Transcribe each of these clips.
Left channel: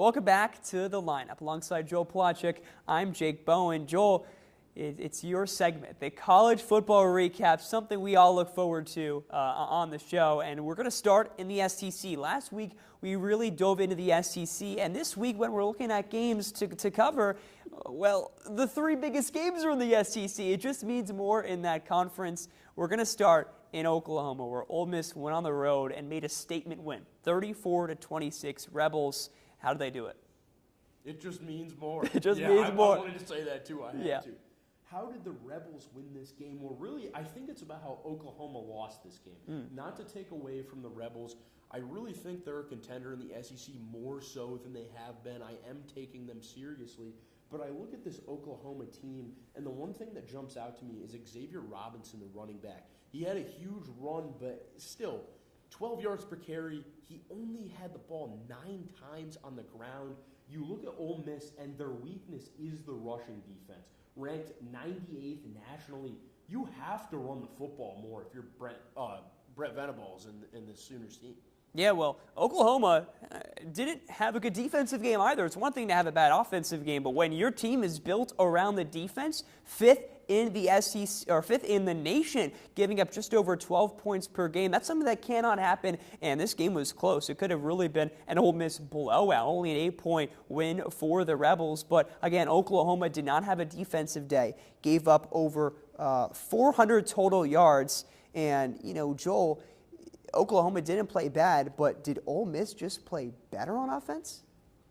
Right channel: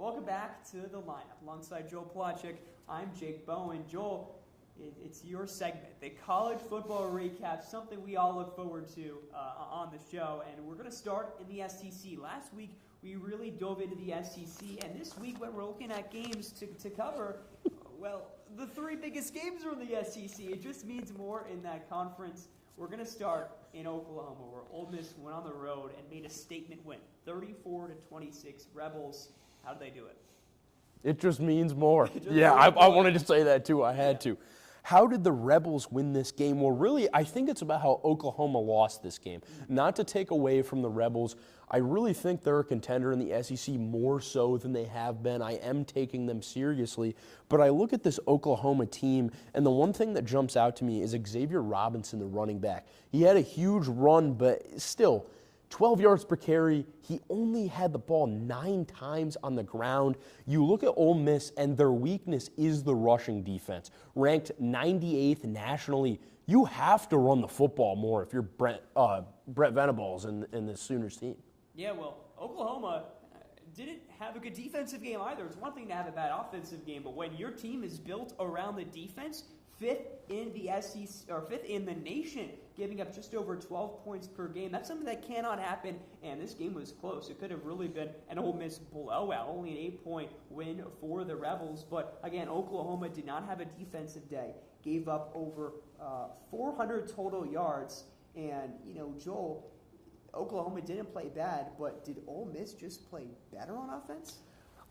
Welcome back to the lineup. Alongside Joel Pelachik, I'm Jake Bowen. Joel, it's your segment, the college football recap, something we all look forward to on the show. And we're going to start in the SEC. Last week, we really dove into the SEC. And this week, when we're looking at games to cover, well, the three biggest games are in the SEC. It just means more in that conference. We're going to start in Oklahoma, where Ole Miss went on the road and made a statement win, 34-26 Rebels. How did they do it? It just means more. I wanted to say that too. I had to. How did the Rebels win this game? Well, really, I think it's about how Oklahoma lost this game. Not to take away from the Rebels, I really think they're a contender in the SEC more so than they have been. I am taking them seriously. But I look at this Oklahoma team, and the one thing that jumps out to me is Xavier Robinson, the running back. He had a huge run, but still, 12 yards per carry. He only had the ball 9 times on the ground. You look at Ole Miss, and their weakness is the rushing defense. Ranked 98th nationally. You have to run the football more if you're Brett Venables and the Sooners team. Yeah, well, Oklahoma didn't have a good defensive game either. It's one thing to have a bad offensive game, but when your team is built around the defense, fifth in the SEC or fifth in the nation, giving up just over 12 points per game, that's something that cannot happen. And this game was close. It could have really been an Ole Miss blowout, only an 8-point win for the Rebels. But again, Oklahoma did not have a defensive day. Gave up over 400 total yards. And Joel, Oklahoma didn't play bad, but did Ole Miss just play better on offense?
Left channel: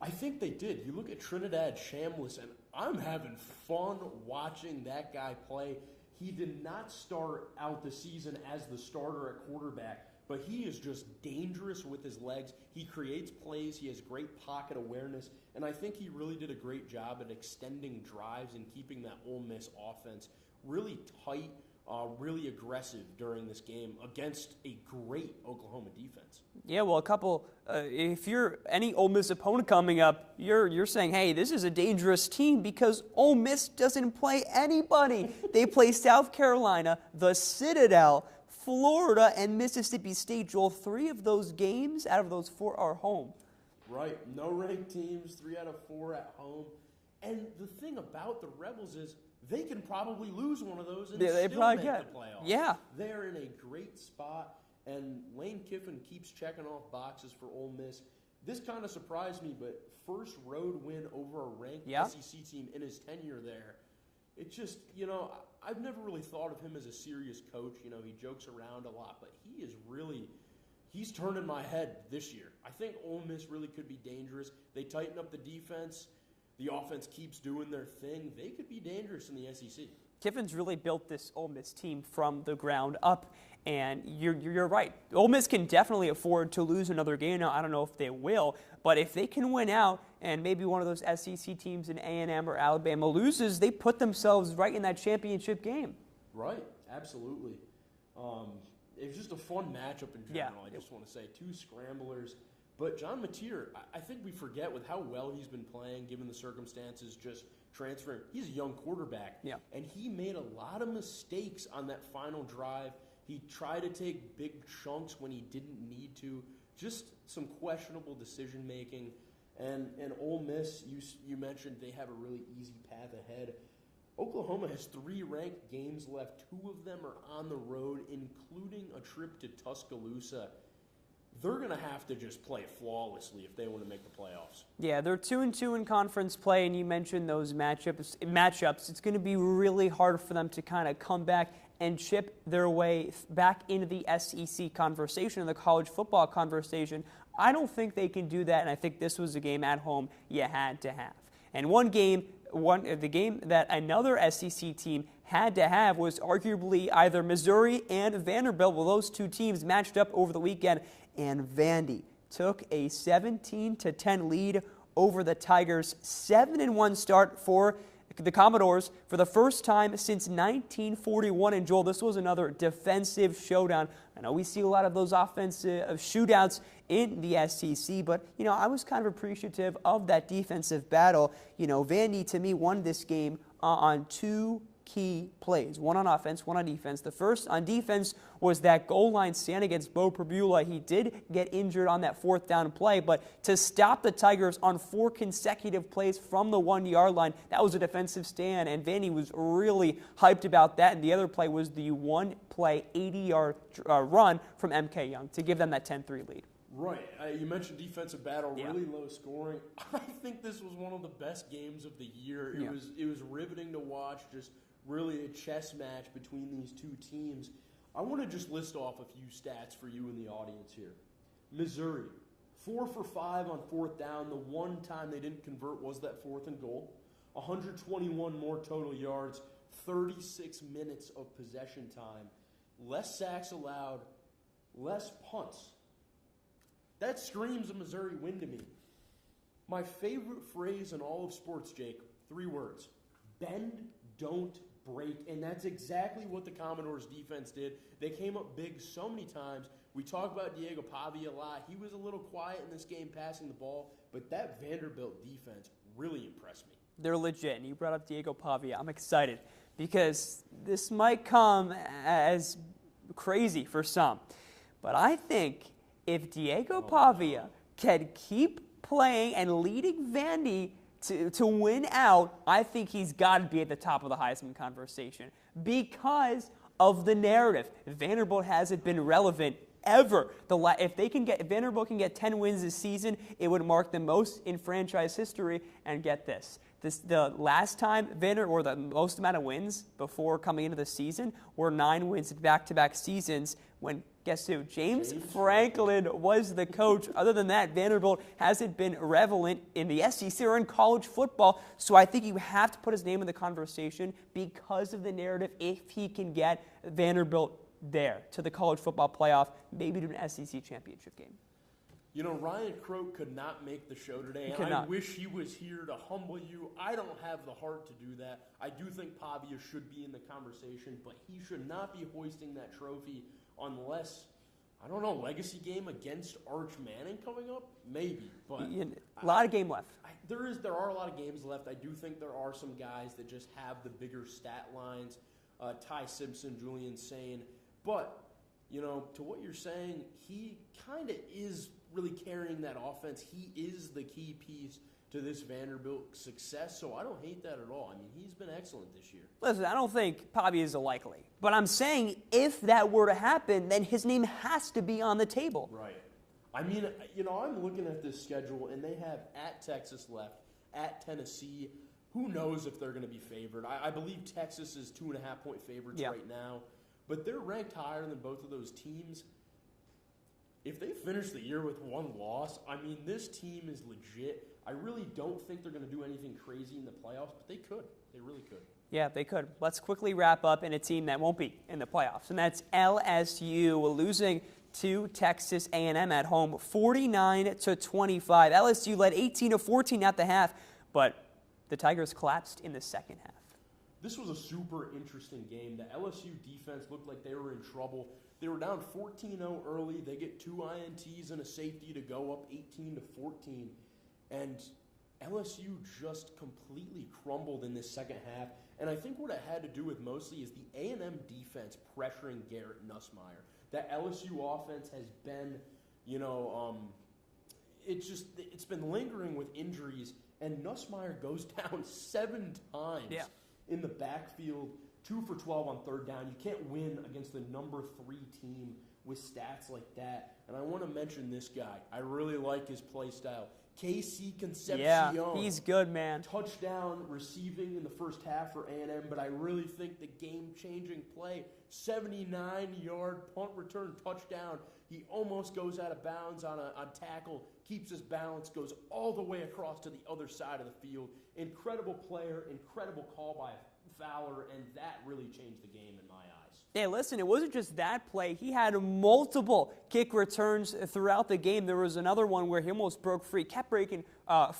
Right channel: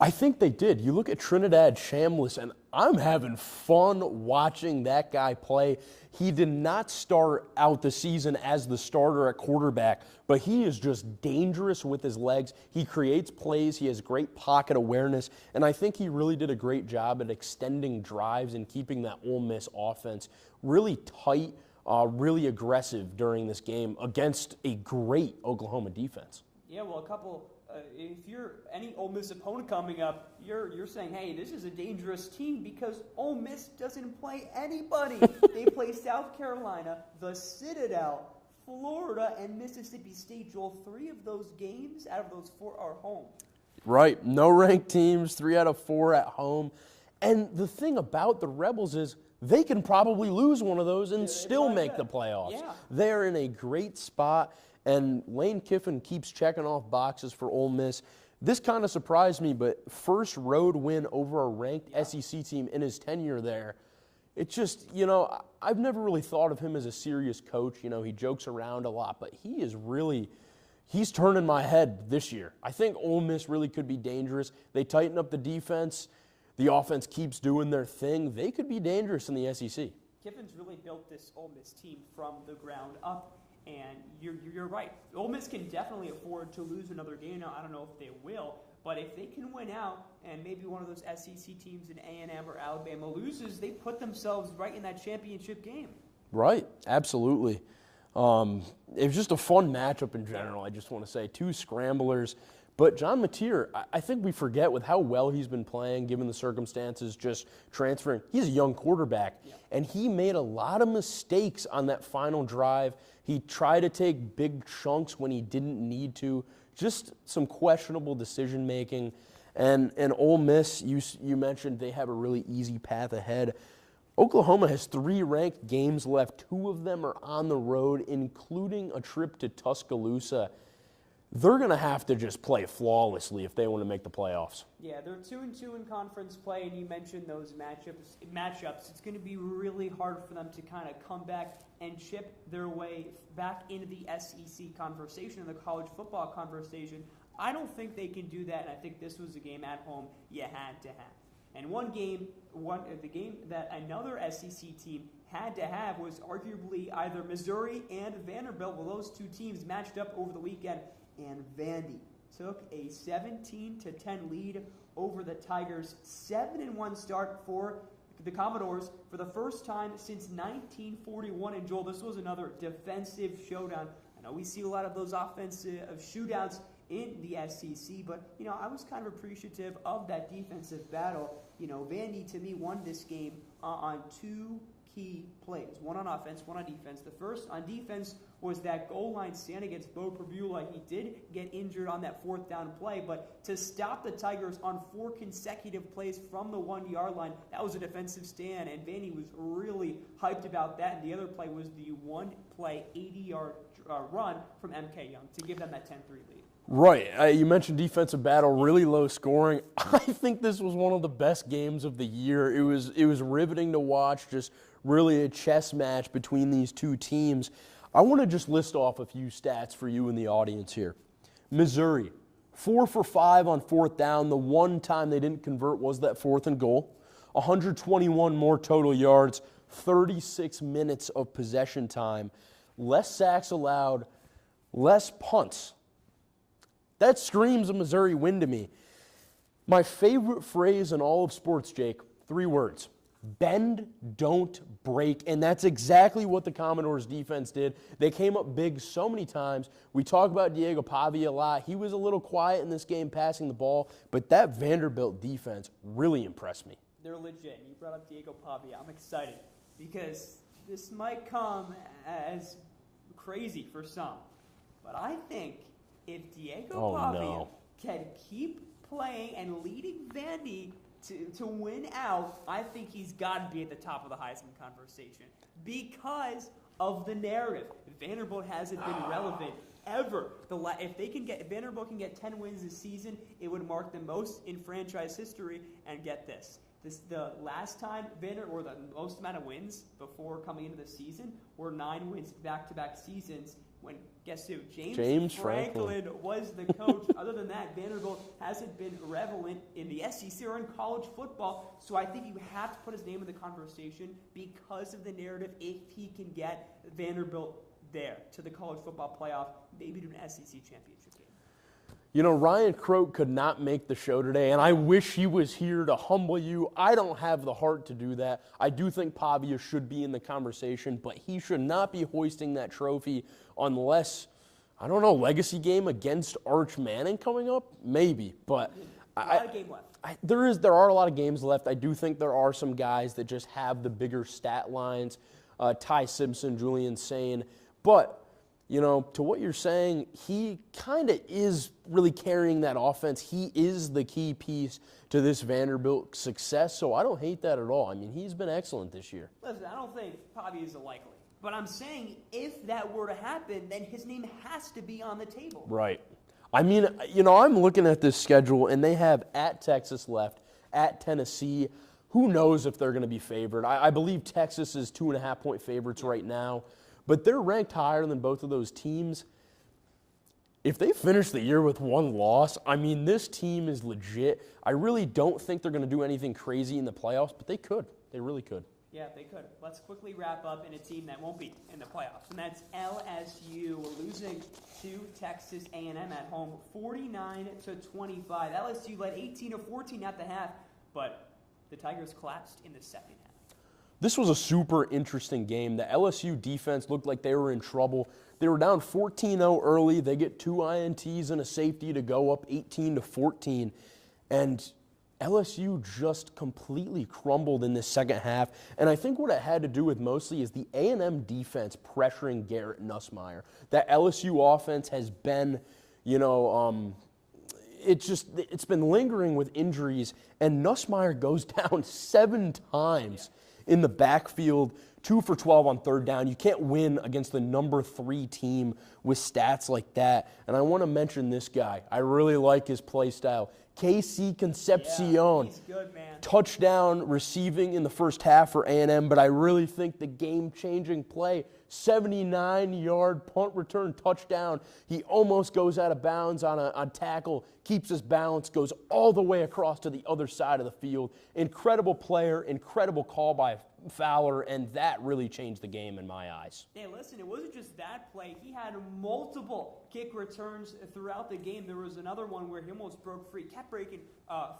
I think they did. You look at Trinidad Chambliss, and I'm having fun watching that guy play. He did not start out the season as the starter at quarterback, but he is just dangerous with his legs. He creates plays. He has great pocket awareness, and I think he really did a great job at extending drives and keeping that Ole Miss offense really tight, really aggressive during this game against a great Oklahoma defense. Yeah, well, if you're any Ole Miss opponent coming up, you're saying, hey, this is a dangerous team because Ole Miss doesn't play anybody. They play South Carolina, the Citadel, Florida, and Mississippi State. Joel, 3 of those games out of those 4 are home. Right. No ranked teams, 3 out of 4 at home. And the thing about the Rebels is they can probably lose one of those and still make the playoffs. Yeah. They're in a great spot. And Lane Kiffin keeps checking off boxes for Ole Miss. This kind of surprised me, but first road win over a ranked SEC team in his tenure there. It just, I've never really thought of him as a serious coach. He jokes around a lot, but he's turning my head this year. I think Ole Miss really could be dangerous. They tighten up the defense. The offense keeps doing their thing. They could be dangerous in the SEC. Kiffin's really built this Ole Miss team from the ground up. And you're right. Ole Miss can definitely afford to lose another game. Now, I don't know if they will, but if they can win out and maybe one of those SEC teams in A&M or Alabama loses, they put themselves right in that championship game. Right, absolutely. It was just a fun matchup in general, I just want to say. 2 scramblers. But John Mateer, I think we forget with how well he's been playing, given the circumstances, just transferring. He's a young quarterback, and he made a lot of mistakes on that final drive. He tried to take big chunks when he didn't need to. Just some questionable decision-making. And Ole Miss, you mentioned they have a really easy path ahead. Oklahoma has 3 ranked games left. 2 of them are on the road, including a trip to Tuscaloosa. They're going to have to just play flawlessly if they want to make the playoffs. Yeah, they're 2-2 in conference play, and you mentioned those matchups. It's going to be really hard for them to kind of come back and chip their way back into the SEC conversation, the college football conversation. I don't think they can do that, and I think this was a game at home you had to have. And the game that another SEC team had to have was arguably either Missouri and Vanderbilt. Well, those 2 teams matched up over the weekend, and Vandy took a 17-10 lead over the Tigers. 7-1 start for the Commodores for the first time since 1941. And Joel, this was another defensive showdown. I know we see a lot of those offensive shootouts in the SEC, but I was kind of appreciative of that defensive battle. Vandy to me won this game on 2 key plays, one on offense, one on defense. The first on defense was that goal line stand against Bo Pribula. He did get injured on that 4th down play, but to stop the Tigers on 4 consecutive plays from the 1-yard line, that was a defensive stand, and Vandy was really hyped about that. And the other play was the 1-play 80-yard run from MK Young to give them that 10-3 lead. Right. You mentioned defensive battle, really low scoring. I think this was one of the best games of the year. It was riveting to watch, just really a chess match between these two teams. I want to just list off a few stats for you in the audience here. Missouri, 4 for 5 on 4th down. The one time they didn't convert was that 4th and goal. 121 more total yards, 36 minutes of possession time, less sacks allowed, less punts. That screams a Missouri win to me. My favorite phrase in all of sports, Jake, 3 words. Bend, don't break. And that's exactly what the Commodores defense did. They came up big so many times. We talk about Diego Pavia a lot. He was a little quiet in this game passing the ball, but that Vanderbilt defense really impressed me. They're legit. And you brought up Diego Pavia. I'm excited because this might come as crazy for some. But I think if Diego Pavia can keep playing and leading Vandy to win out, I think he's got to be at the top of the Heisman conversation because of the narrative. Vanderbilt hasn't been relevant ever. If Vanderbilt can get 10 wins this season, it would mark the most in franchise history. And get this. The last time or the most amount of wins before coming into the season were 9 wins in back-to-back seasons when, guess who? James Franklin was the coach. Other than that, Vanderbilt hasn't been relevant in the SEC or in college football. So I think you have to put his name in the conversation because of the narrative if he can get Vanderbilt there to the college football playoff, maybe to an SEC championship game. You know, Ryan Croak could not make the show today, and I wish he was here to humble you. I don't have the heart to do that. I do think Pavia should be in the conversation, but he should not be hoisting that trophy unless, I don't know, legacy game against Arch Manning coming up? Maybe, but a lot of game left. There are a lot of games left. I do think there are some guys that just have the bigger stat lines, Ty Simpson, Julian Sane, but you know, to what you're saying, he kind of is really carrying that offense. He is the key piece to this Vanderbilt success, so I don't hate that at all. I mean, he's been excellent this year. Listen, I don't think Pavia is a likely, but I'm saying if that were to happen, then his name has to be on the table. Right. I mean, you know, I'm looking at this schedule, and they have at Texas left, at Tennessee. Who knows if they're going to be favored? I believe Texas is 2.5-point favorites right now. But they're ranked higher than both of those teams. If they finish the year with 1 loss, I mean, this team is legit. I really don't think they're going to do anything crazy in the playoffs, but they could. They really could. Yeah, they could. Let's quickly wrap up in a team that won't be in the playoffs, and that's LSU losing to Texas A&M at home, 49-25. LSU led 18-14 at the half, but the Tigers collapsed in the second half. This was a super interesting game. The LSU defense looked like they were in trouble. They were down 14-0 early. They get 2 INTs and a safety to go up 18-14. And LSU just completely crumbled in this second half. And I think what it had to do with mostly is the A&M defense pressuring Garrett Nussmeier. That LSU offense has been, you know, it's been lingering with injuries. And Nussmeier goes down 7 times in the backfield, 2 for 12 on 3rd down. You can't win against the number 3 team with stats like that. And I want to mention this guy. I really like his play style. KC Concepcion. Yeah, he's good, man. Touchdown receiving in the first half for A&M, but I really think the game-changing play, 79-yard punt return touchdown. He almost goes out of bounds on tackle, keeps his balance, goes all the way across to the other side of the field. Incredible player, incredible call by Fowler, and that really changed the game in my eyes. Yeah, listen, it wasn't just that play. He had multiple kick returns throughout the game. There was another one where he almost broke free, kept breaking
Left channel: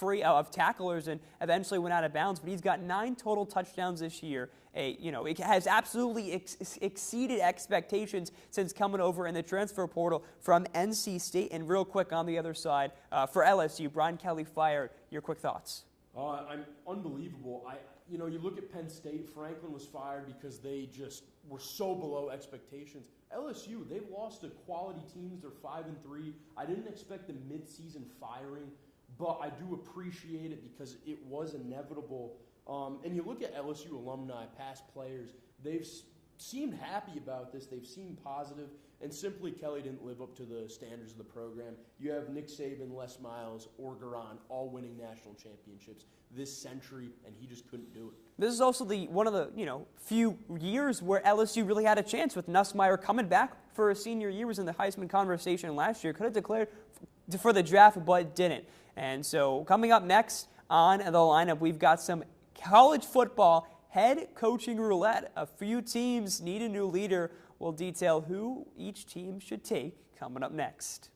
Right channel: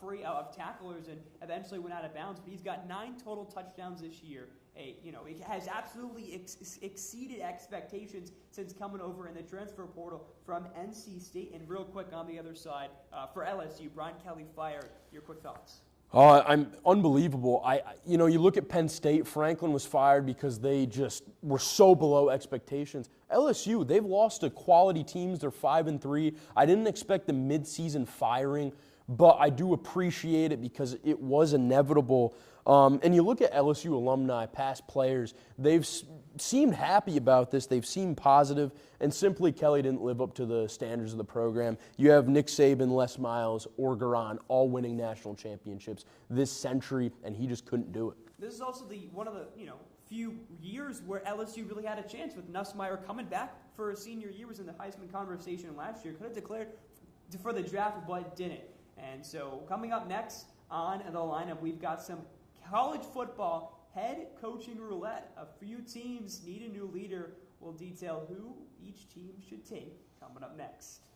free of tacklers, and eventually went out of bounds. But he's got 9 total touchdowns this year. It has absolutely exceeded expectations since coming over in the transfer portal from NC State. And real quick on the other side, for LSU, Brian Kelly fired. Your quick thoughts? I'm unbelievable. You look at Penn State. Franklin was fired because they just were so below expectations. LSU, they've lost to quality teams. They're 5-3. I didn't expect the midseason firing, but I do appreciate it because it was inevitable. And you look at LSU alumni, past players, they've seemed happy about this. They've seemed positive, and simply Kelly didn't live up to the standards of the program. You have Nick Saban, Les Miles, Orgeron, all winning national championships this century, and he just couldn't do it. This is also one of the few years where LSU really had a chance with Nussmeier coming back for a senior year. Was in the Heisman conversation last year. Could have declared for the draft, but didn't. And so coming up next on the lineup, we've got some college football head coaching roulette. A few teams need a new leader. We'll detail who each team should take coming up next.